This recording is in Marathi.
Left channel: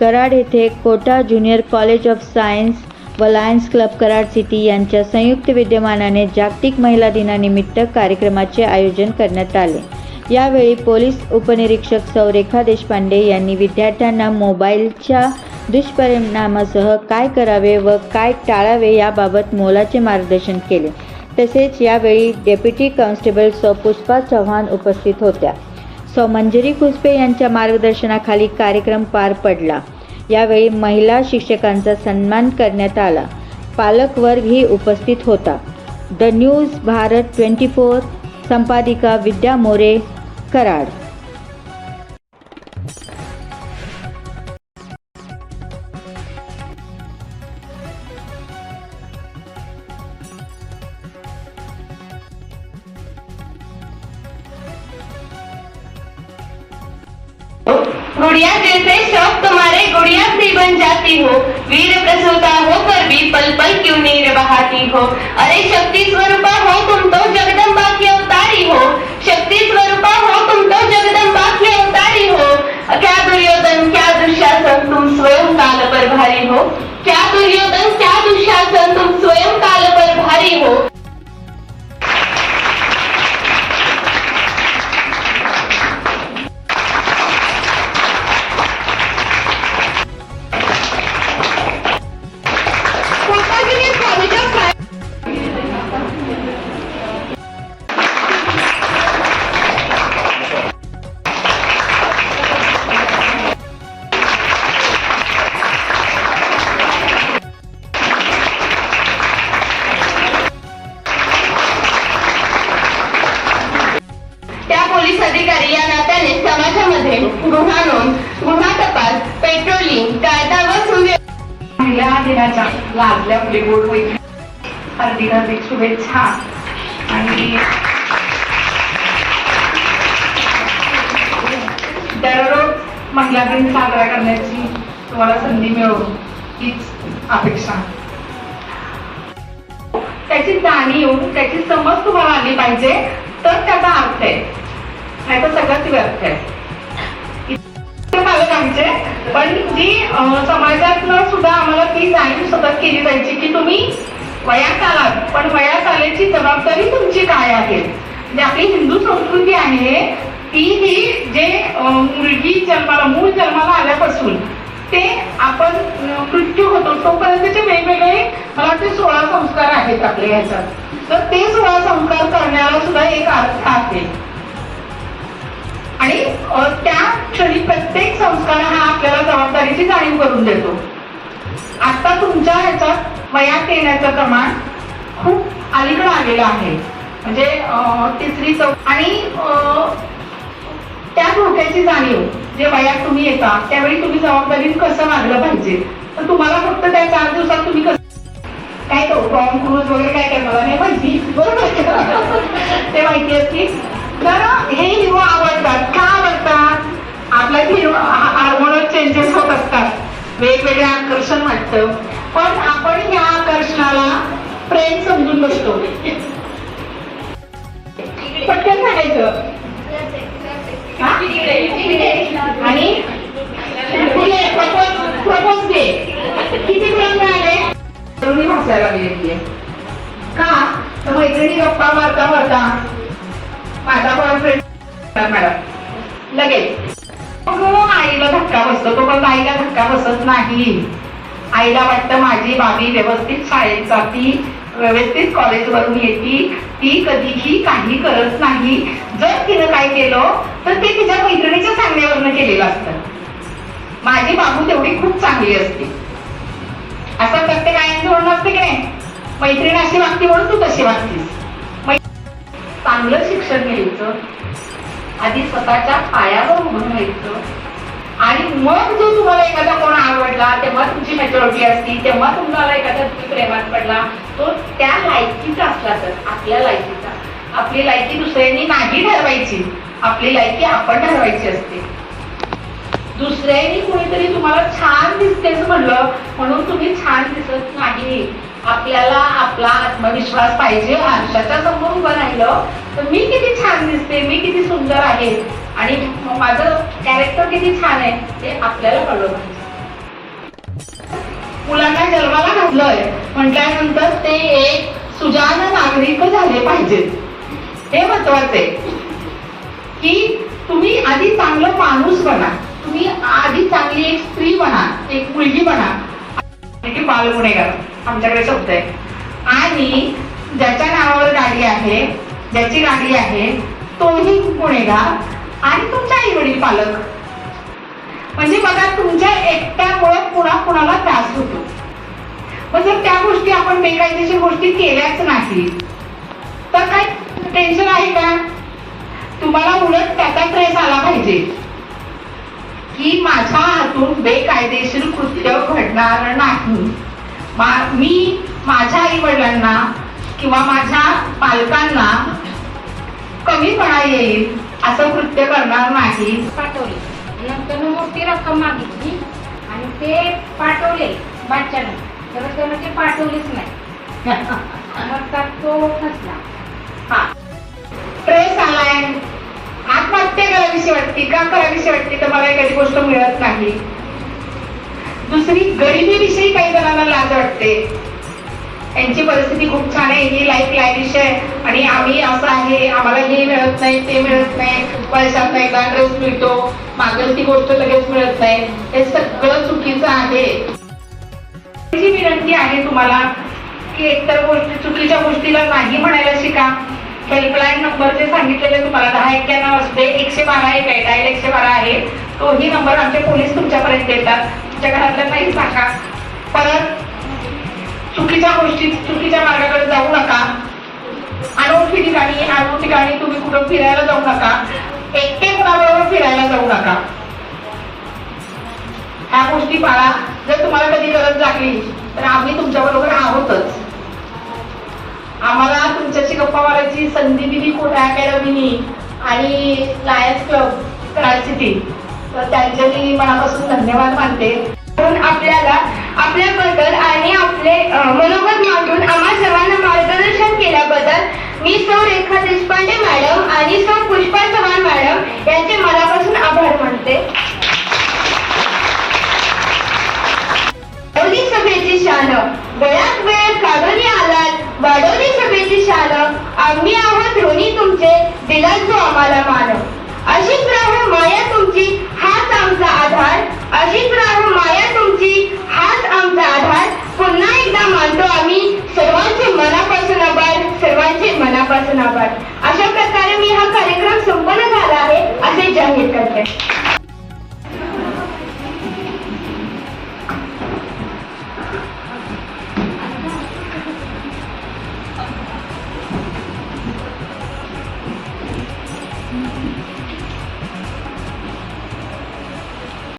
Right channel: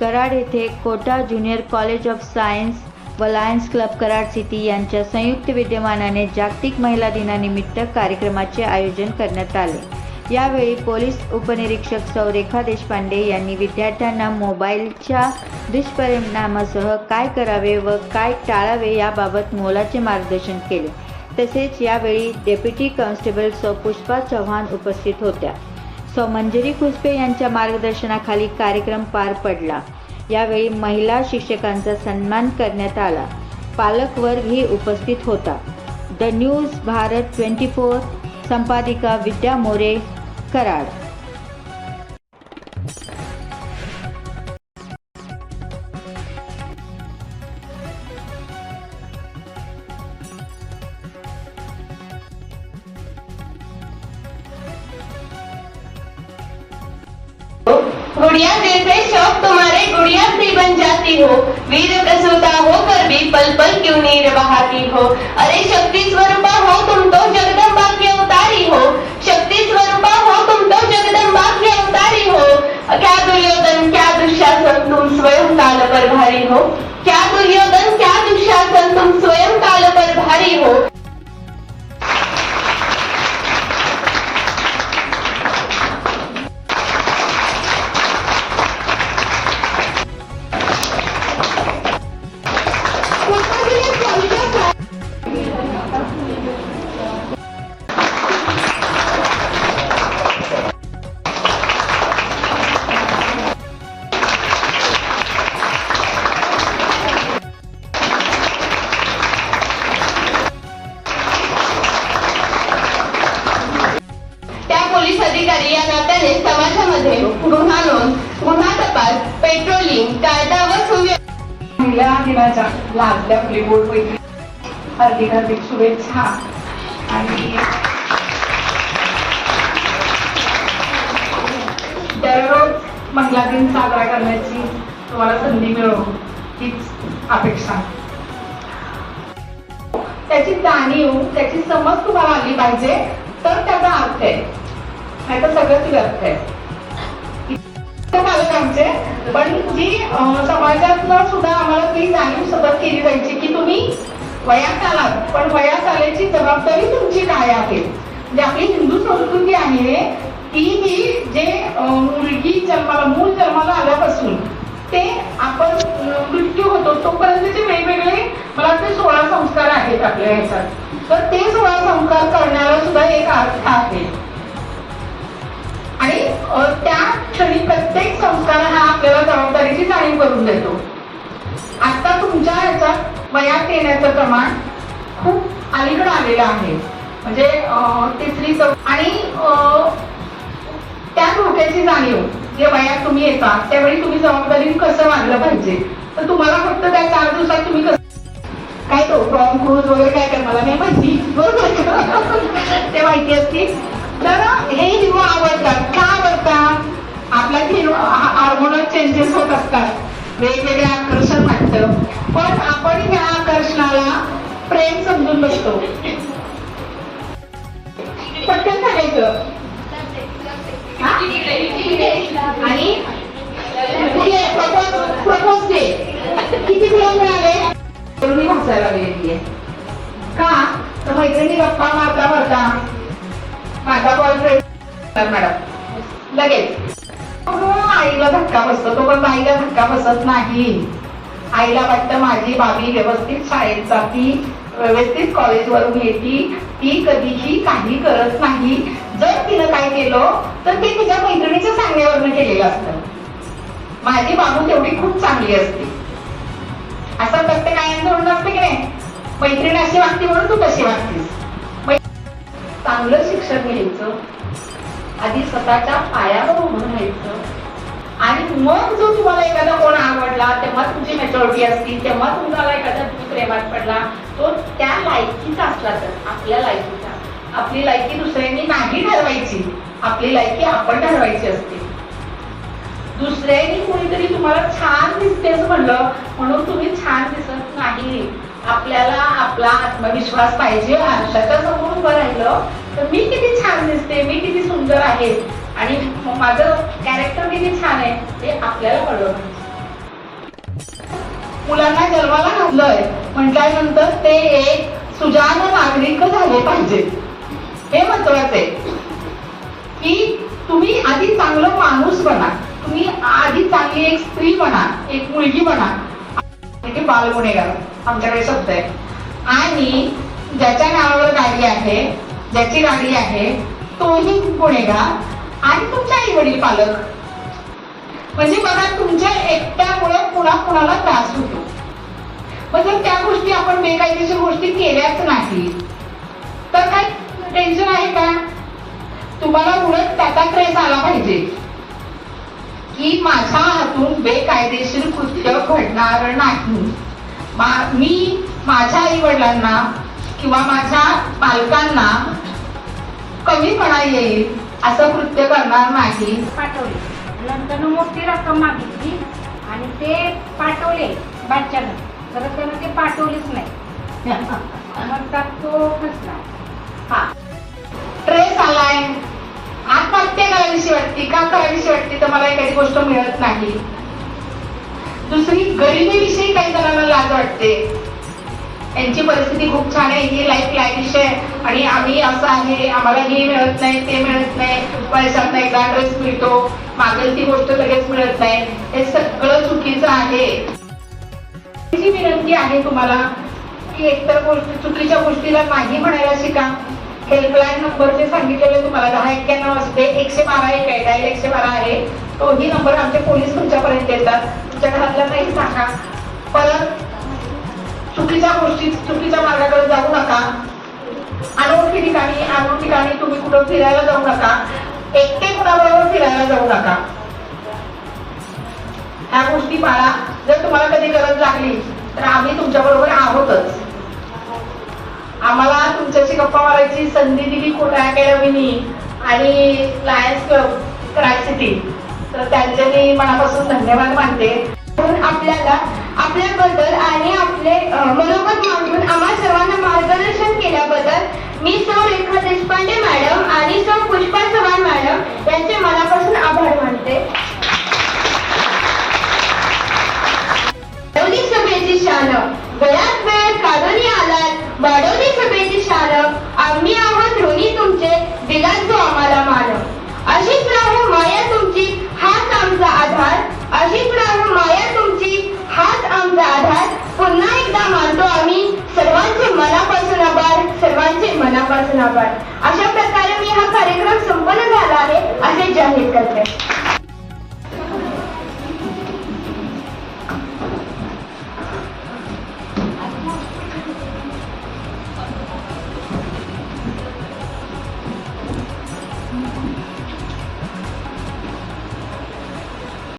कराड येथे Kota junior college of science व लायन्स क्लब कराड सिटी यांच्या संयुक्त विद्यमानाने जागतिक महिला दिनानिमित्त कार्यक्रमाचे आयोजन करण्यात आले। यावेळी पोलीस उपनिरीक्षक सौ रेखा देशपांडे यांनी विद्यार्थ्यांना मोबाईलच्या दुष्परिणामासह काय करावे व काय टाळावे याबाबत मोलाचे मार्गदर्शन केले। तसेच यावेळी डेप्युटी कॉन्स्टेबल सौ पुष्पा चव्हाण उपस्थित होत्या। सौ मंजिरी खुसपे यांच्या मार्गदर्शनाखाली कार्यक्रम पार पडला। यावेळी महिला शिक्षकांचा सन्मान करण्यात आला। पालकवर्गही उपस्थित होता। द न्यूज भारत 24 संपादिका विद्या मोरे, कराड। गुड़िया दिल से शौक तुम्हारे गुड़िया सी बन जाती हो, वीर प्रसूता होकर भी पल पल क्यों नीर बहाती हो। अरे शक्ति स्वरूपा हो तुम तो जगदम्बा की अवतारी हो, शक्ति स्वरूपा हो तुम तो जगदम्बा की अवतारी हो। क्या दुर्योधन क्या दुशासन तुम स्वयं काल पर भारी हो, क्या दुर्योधन क्या दुशासन तुम स्वयं काल पर भारी हो। पोलीस अधिकारी या नात्याने समाजामध्ये गुन्हा नोंद, गुन्हा तपास, पेट्रोलिंग, कायदा व सुव्यवस्था महिला दिनाच्या लाभल्या फुले गोडवैल हार्दिक शुभेच्छा। आणि दररोज महिला दिन साजरा करण्याची तुम्हाला संधी मिळो हीच अपेक्षा। त्याची जाणीव त्याची समज तुम्हाला आली पाहिजे तर त्याचा अर्थ आहे, नाही तर सगळंच व्यर्थ आहे। पालकांचे पण जी समाजातनं सुद्धा आम्हाला ती जाणीव सतत केली जायची की तुम्ही वयात आलात पण वयात आल्याची जबाबदारी तुमची काय आहे। म्हणजे आपली हिंदू संस्कृती आहे ती ही जे मूल जन्माला आल्यापासून ते आपण मृत्यू होतो तोपर्यंतचे वेगवेगळे मला वाटते 16 संस्कार आहेत आपल्या ह्याच्यात। तर ते 16 संस्कार करण्याला सुद्धा एक अर्थ आहे आणि त्या क्षणी प्रत्येक संस्कार हा आपल्याला जबाबदारीची जाणीव करून देतो। आता तुमच्या ह्याच्यात वयात येण्याचं प्रमाण खूप अलीकडे आलेलं आहे, म्हणजे 3री 4 आणि त्या धोक्याची जाणीव जे वयात तुम्ही येता त्यावेळी तुम्ही जबाबदारीत कसं वागलं पाहिजे। तर तुम्हाला फक्त त्या 4 दिवसात तुम्ही काय तो टॉम क्रूज वगैरे काय करणार नाही माहिती, बरोबर ते माहिती असते। तर हे हिरो आवडतात का आवडतात, आपल्या हिरो हार्मोनल चेंजेस होत असतात, वेगवेगळे आकर्षण वाटतं, पण आपण ह्या आकर्षणाला प्रेम समजून बसतो। पटकन सांगायचं आणि प्रपोज डे किती मुलं मिळाले तरुणी भासायला गेलेली आहे का, तर मैत्रिणी गप्पा मारता मारता माझा बॉयफ्रेंड मॅडम लगेच आईला धक्का बसतो, तो पण आईला धक्का बसत नाही। आईला वाटतं माझी बाबी व्यवस्थित शाळेत जाती, व्यवस्थित कॉलेजवरून येते, ती कधीही काही करत नाही। जर तिनं काय केलं तर ते तिच्या मैत्रिणीच्या सांगण्यावरनं केलेलं असतं। माझी बाबू तेवढी खूप चांगली असते असं प्रत्येक आईचं म्हणणं असते की नाही, मैत्रीण अशी वागती म्हणून तू कशी वागतीस। चांगलं शिक्षण घ्यायचं, आधी स्वतःच्या पायावर उभं राहायचं आणि मग जो तुम्हाला एखादा कोण आवडला तेव्हा तुमची मॅच्युरिटी असती, तेव्हा तुम्हाला एखादा प्रेमात पडला तो त्या लायकीचा असला तर आपल्या लायकीचा। आपली लायकी दुसऱ्यांनी नाही ठरवायची, आपली लायकी आपण ठरवायची असते। दुसऱ्यांनी कुणीतरी तुम्हाला छान दिसतेच म्हणलं म्हणून तुम्ही छान दिसत नाही। आपल्याला आपला आत्मविश्वास पाहिजे। आरशाच्या समोर उभं राहिलं तर मी किती छान दिसते, मी किती सुंदर आहे आणि माझं कॅरेक्टर किती छान आहे ते आपल्याला कळलं पाहिजे। मुलांना जन्माला घातलंय म्हटल्यानंतर ते एक सुजाण नागरिक झाले पाहिजेत. हे महत्वाचं आहे की तुम्ही आधी चांगलं माणूस बना, तुम्ही आधी चांगली एक स्त्री बना, एक मुलगी बना. की बाल गुन्हेगार आमच्याकडे शब्द आहे. आणि ज्याच्या नावावर गाडी आहे, ज्याची गाडी आहे तोही गुन्हेगार आणि तुमचे आई वडील पालक. म्हणजे बघा तुमच्या एकट्यामुळे पुन्हा कुणाला त्रास होतो. म्हणजे त्या गोष्टी आपण बेकायदेशीर गोष्टी केल्याच नाही तर काय टेन्शन आहे का? तुम्हाला उलट त्याचा ट्रेस आला पाहिजे की माझ्या हातून बेकायदेशीर कृत्य घडणार नाही. मी माझ्या आई वडिलांना किंवा माझ्या पालकांना कमीपणा येईल असं कृत्य करणार नाही. पाठवले नंतर मोठी रक्कम मागितली आणि ते पाठवले बादशाला, तर त्यानं ते पाठवलेच नाही. मग त्यात तो फसला. हा ट्रेस आलाय, आत्महत्या करावीशी वाटते का करावीशी वाटते तर मला एखादी गोष्ट मिळत नाही. दुसरी गरिबीविषयी काही जणांना लाज वाटते. यांची परिस्थिती खूप छान आहे, ही लाईफ लाईव्ह आहे आणि आम्ही असं आहे, आम्हाला हे मिळत नाही ते मिळत नाही, पैशात नाही का ड्रेस मिळतो, मागेल ती गोष्ट लगेच मिळत नाही. हे सगळं चुकीचं आहे. माझी विनंती आहे तुम्हाला की एकतर गोष्टी चुकीच्या गोष्टीला नाही म्हणायला शिका. हेल्पलाईन नंबर जे सांगितलेले तुम्हाला 1091 असते, 112 एक आहे, डायल 112 आहे. तोही नंबर आमचे पोलीस तुमच्यापर्यंत येतात. तुमच्या घरातल्यांनाही सांगा. परत चुकीच्या गोष्टी चुकीच्या मार्गाकडे जाऊ नका. अनोळखी ठिकाणी तुम्ही कुठं फिरायला जाऊ नका. एकटे कोणाबरोबर फिरायला जाऊ नका. ह्या गोष्टी पाळा. जर तुम्हाला कधी गरज लागली तर आम्ही तुमच्या बरोबर आहोतच. आम्हाला तुमच्याशी गप्पा मारायची संधी दिली अकॅडमीनी आणि लायन्स क्लब ट्राय सिटी, तर त्यांचे मी मनापासून धन्यवाद मानते. आपल्याला आपल्याबद्दल आणि आपले मनोगत मांडून आम्हा सर्वांना मार्गदर्शन केल्याबद्दल मी सौ रेखा देशपांडे मॅडम आणि सौ पुष्पा चव्हाण मॅडम यांचे मनापासून आभार मानते. वाढवली सभेची शान, वेळात वेळ काढून आलात, वाढवली सभेची शान, आम्ही आहोत ऋणी तुमचे, दिलात तो आम्हाला मान. अशीच राहो माया तुमची, हाच आमचा आधार. अशीच राहो माया तुमची, हाच आमचा आधार. पुन्हा एकदा मानतो आम्ही सर्वांचे मनापासून आभार, सर्वांचे मनापासून आभार.